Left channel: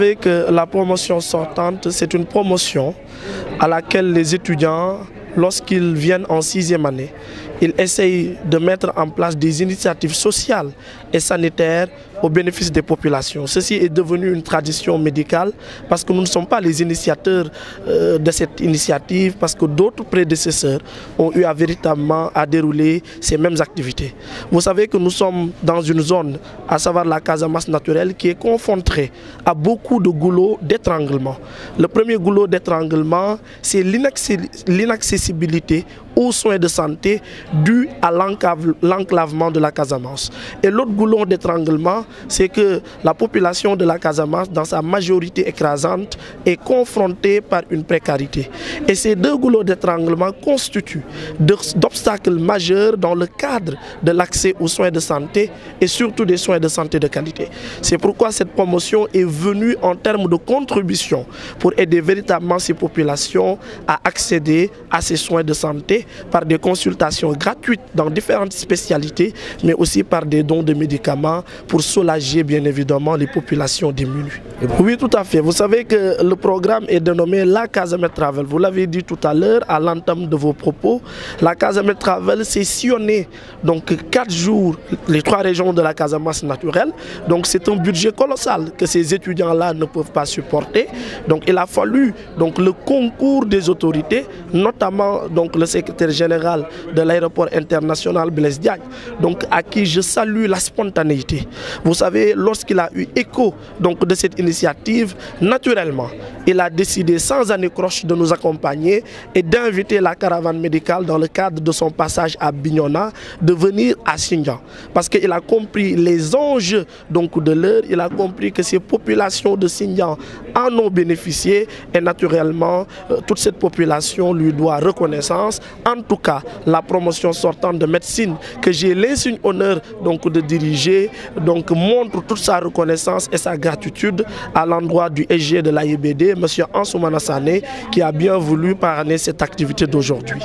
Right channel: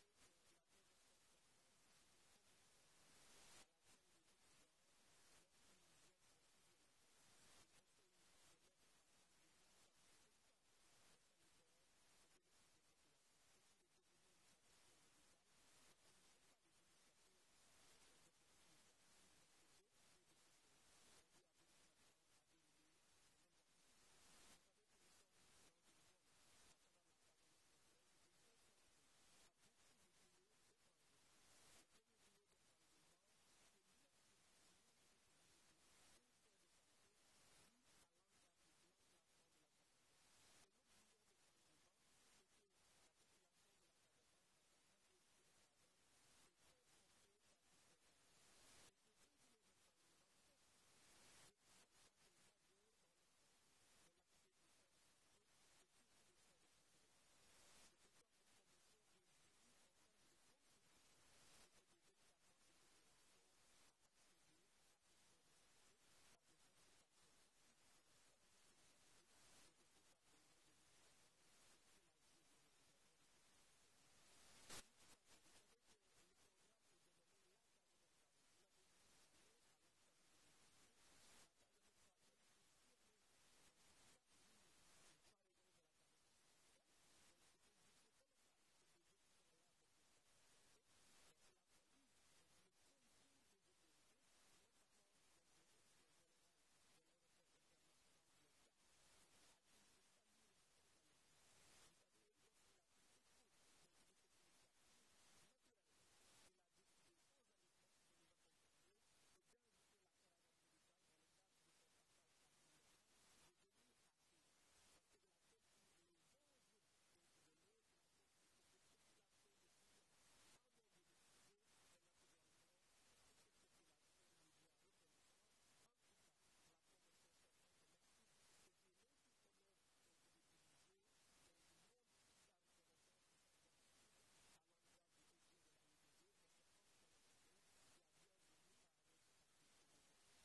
savez que la promotion sortante, c'est une promotion à laquelle les étudiants, lorsqu'ils viennent en 6e année, ils essayent de mettre en place des initiatives sociales et sanitaires au bénéfice des populations. Ceci est devenu une tradition médicale parce que nous ne sommes pas les initiateurs de cette initiative, parce que d'autres prédécesseurs ont eu véritablement à dérouler ces mêmes activités. Vous savez que nous sommes dans une zone, à savoir la Casamance naturelle, qui est confrontée à beaucoup de goulots d'étranglement. Le premier goulot d'étranglement, c'est l'inaccessibilité aux soins de santé dû à l'enclavement de la Casamance. Et l'autre goulot d'étranglement, c'est que la population de la Casamance, dans sa majorité écrasante, est confrontée par une précarité. Et ces deux goulots d'étranglement constituent d'obstacles majeurs dans le cadre de l'accès aux soins de santé et surtout des soins de santé de qualité. C'est pourquoi cette promotion est venue en termes de contribution pour aider véritablement ces populations à accéder à ces soins de santé par des consultations gratuites dans différentes spécialités, mais aussi par des dons de médicaments pour soulager bien évidemment les populations démunies. Oui, tout à fait. Vous savez que le programme est dénommé La Casamet Travel. Vous l'avez dit tout à l'heure à l'entame de vos propos. La Casamet Travel, c'est sillonner donc 4 jours les 3 régions de la Casamance naturelle. Donc c'est un budget colossal que ces étudiants-là ne peuvent pas supporter. Donc il a fallu donc le concours des autorités, notamment donc le secrétaire général de l'aéroport international Blaise Diagne, donc à qui je salue la spontanéité. Vous savez, lorsqu'il a eu écho donc de cette initiative, naturellement, il a décidé sans anicroche de nous accompagner et d'inviter la caravane médicale dans le cadre de son passage à Bignona de venir à Sindian. Parce qu'il a compris les enjeux donc de l'heure, il a compris que ces populations de Sindian en ont bénéficié et naturellement toute cette population lui doit reconnaissance. En tout cas, la promotion sortante de médecine que j'ai l'insigne honneur donc de diriger donc montre toute sa reconnaissance et sa gratitude à l'endroit du SG de l'AIBD, M. Ansoumana Sané, qui a bien voulu parrainer cette activité d'aujourd'hui.